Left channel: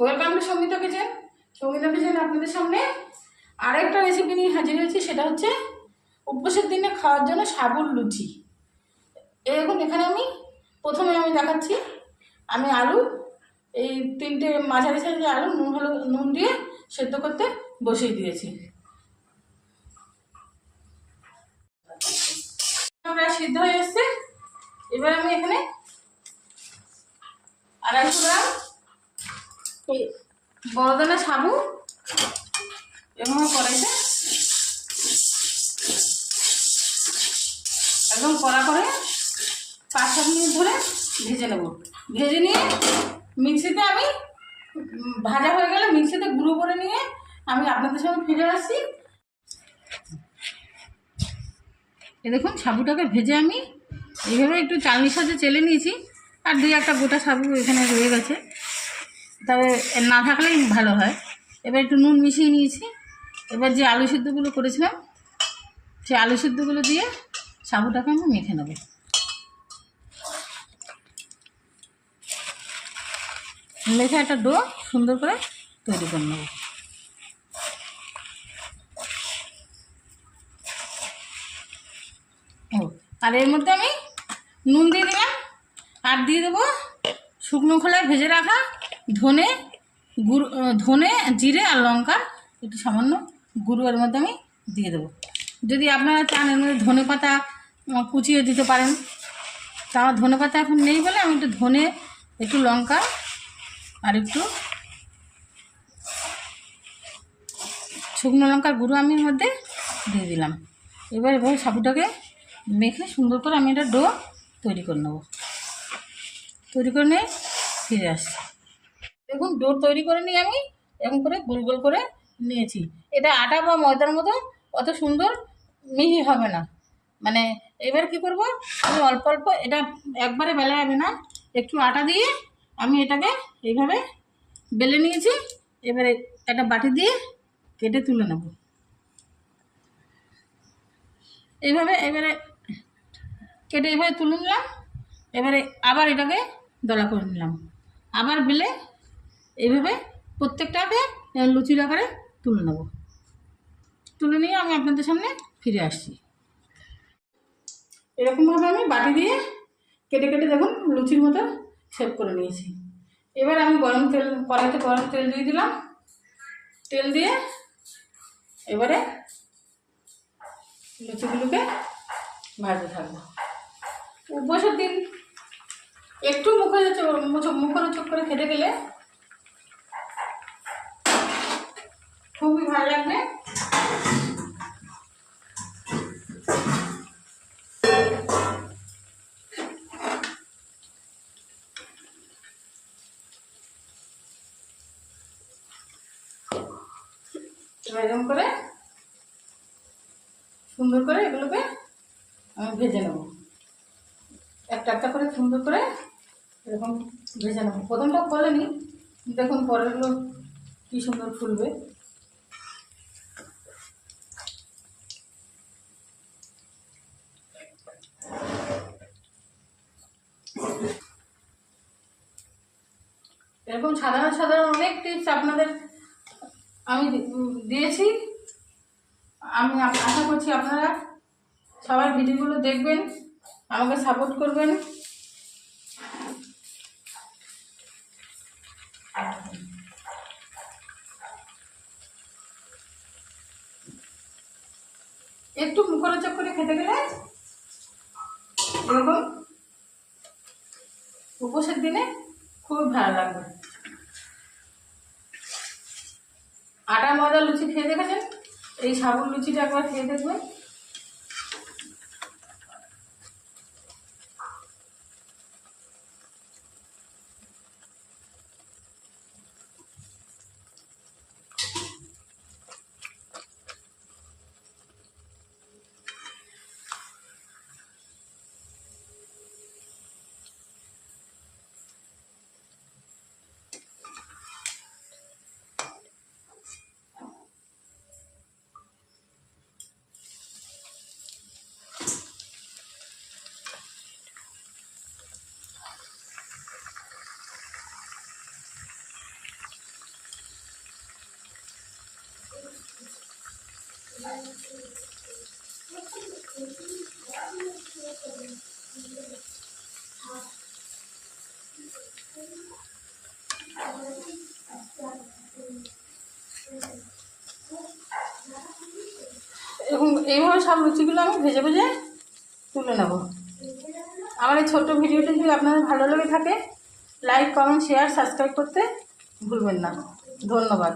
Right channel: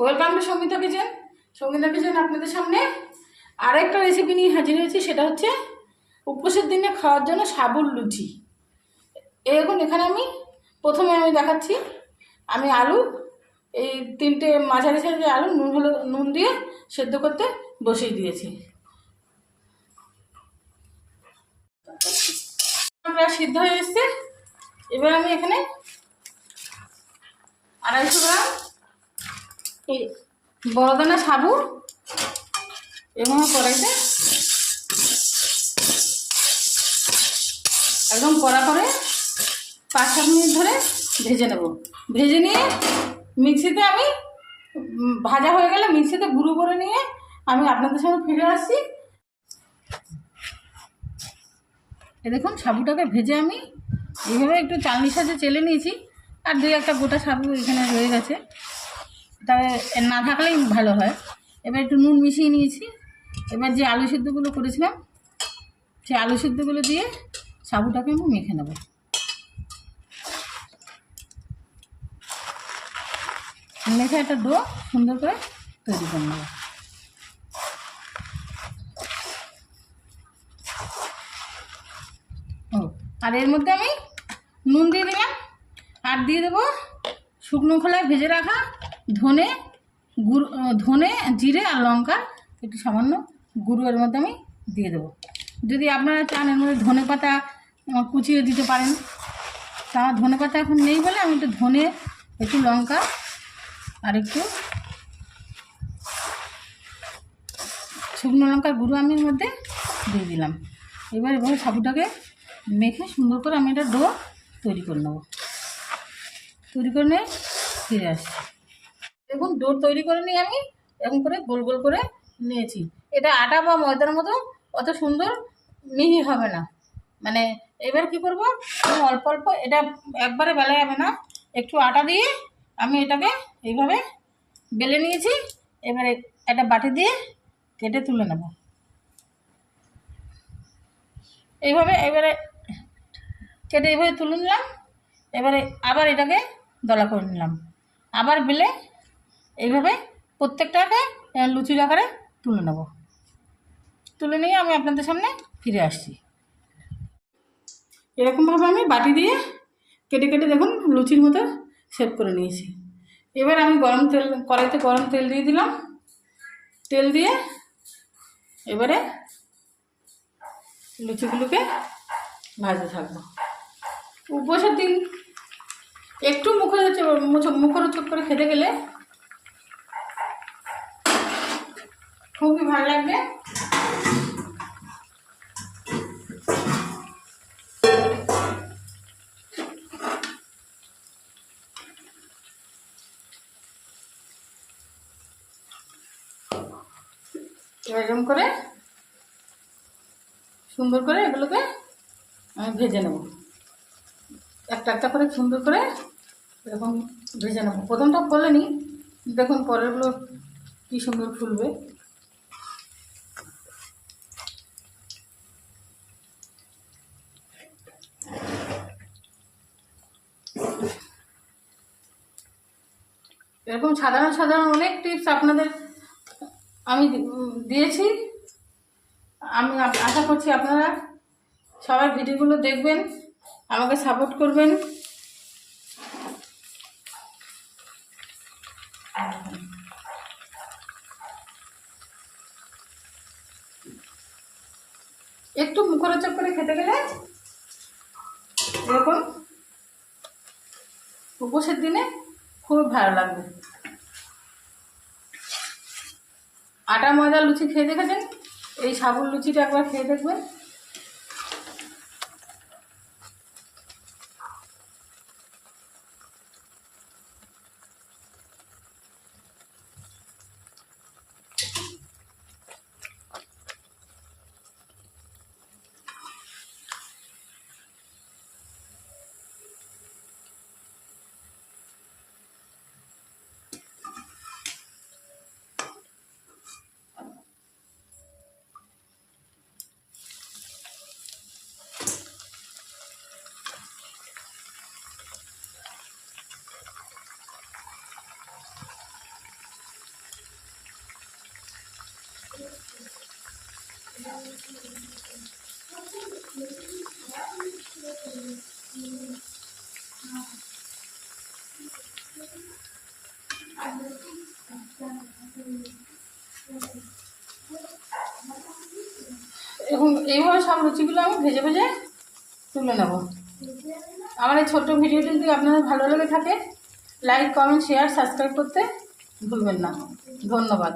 Welcome to Sangeeta kitchen. Sangeeta kitchen আপনাদের সামনে আরেকটা রেসিপি নিয়ে হাজির হয়েছি, সেটা হচ্ছে উপোসের দিনে খাওয়ার জন্য সাবুর লুচি। এরকম এখানে আমি প্রথমে আমি দেখাচ্ছি, আমি আলু, এই তিনটে মাঝারি সাইজের আলু, নুন হলো নুন দিয়ে সেদ্ধ করতে বসিয়ে দিয়েছি। প্রায় সিদ্ধ হয়ে এসছে। এবার আমি এখানে আড়াইশো গ্রাম এই বড় দানা সাবু এভাবে কড়াইতে একদম কড়া করে পাঁচ সাত মিনিট ধরে ভেজে নেব। ভেজে নিয়ে মিক্সিতে আমি ভাজা হয়ে গেলে মিক্সিতে গুঁড়ো করে নিয়ে আমি আপনাদের সঙ্গে ফিরে আসছি। এ দেখুন, সাবুটাকে ভেজে আমি এইভাবে একটু চালনির সাথে চেলে নিয়েছি। আর দুই একটা গোটা সাবু এখানে রয়ে গেছে। তবে না থাকলেই ভালো হয়। এবার একটু নুন মিশিয়ে নিয়েছি। এবার যে আলু সিদ্ধগুলো করেছিলাম, সেই আলু সিদ্ধগুলো দিয়ে সাবুটাকে আমি মেখে নেব। মেখে একটা ডো সুন্দর করে তৈরি করে নেব। ও, আর এর মধ্যে আমি নুন দিয়ে দিলাম। আর দিয়ে দেবো শুকনো খোলায় ভেজে রাখা ধনে গুঁড়ো ধনে, জিরে আর লঙ্কা একটু সামান্য গুঁড়ো এর মধ্যে আমি দিয়ে দেবো। যদি আপনারা চান এর মধ্যে ধনে পাতা কুচিয়ে দিতে পারেন, তা ধনে পাতা এখন নেই বলে আমি একটু ধনে, একটু লঙ্কা আর একটু শুকনো লঙ্কার গুঁড়ো আমি এর মধ্যে দিয়ে দিলাম। এবার এবার সাবুটাকে মেখে সুন্দর করে আমি এটা ডো তৈরি করে নেব। তৈরি করে নিয়ে ফিরে আসছি। দেখুন ডো তৈরি করে নিয়ে আমি এরকম করে গোল গোল করে নিয়েছি। এটা আটা বা ময়দার মতো অত সুন্দর মিহি হবে না। মানে এবার কি করব? আমি অল্প অল্প এটা একবারে বেলা যাবে না। একটু আটা দিয়ে আমি এটাকে এইভাবে বেলে নিয়েছি। এবারে একটা বাটি দিয়ে কেটে তুলে নেব। এইভাবে এবারে কেটে এইভাবে তুলে নিলাম। এবারে আবার এটাকে দলা করে নিলাম। আবার বেলে এইভাবে প্রত্যেকটাকে লুচির আকারে তুলে নেব। তুলে নিয়ে আমি আপনাদের সামনে ফিরে আসছি। এরকমভাবে আমি বাটি দিয়ে কেটে কেটে দেখুন লুচির মতো সেভ করে নিয়েছি। এবার আমি গরম তেল, কড়াইতে গরম তেল দিয়ে দিলাম। তেল দিয়ে এবারে লুচিগুলোকে ভাজতে থাকব। উপোসের দিন একটু মুখে মুখরোচক করে খেতে গেলে খুবই ভালো লাগবে। এরকম করে সুন্দর করে এগুলোকে আমি ভেজে নেব। একটা একটা করে সুন্দর করে এরকম ভেজে নেব। প্রথমটা বলে নি দেখুন পরেরগুলো কী সুন্দর ফুলবে। এরকম সাধারণ সাধারণ অনেক টিপস আপনাদের আমি দিয়েছি। আমি আশা করছি আপনারা সবাই ভিডিওগুলো দেখবেন, আমাকে সাপোর্ট করবেন। একটু মুখরোচক করে খেতে গেলে এরকম উপোসের দিনে খুব ভালো লাগবে আটা ময়দা লুচি খেয়ে দেখেছেন? এই সাবুর লুচিটা একবার খেয়ে দেখবেন। এইভাবে সব লুচিগুলো আমি ভেজে ভেজে তুলে নেব। আমার এই ছোট্ট ভিডিওটি যদি আপনাদের ভালো লেগে থাকে লাইক কমেন্ট শেয়ার সাবস্ক্রাইব করতে ভুলবেন না। ধন্যবাদ।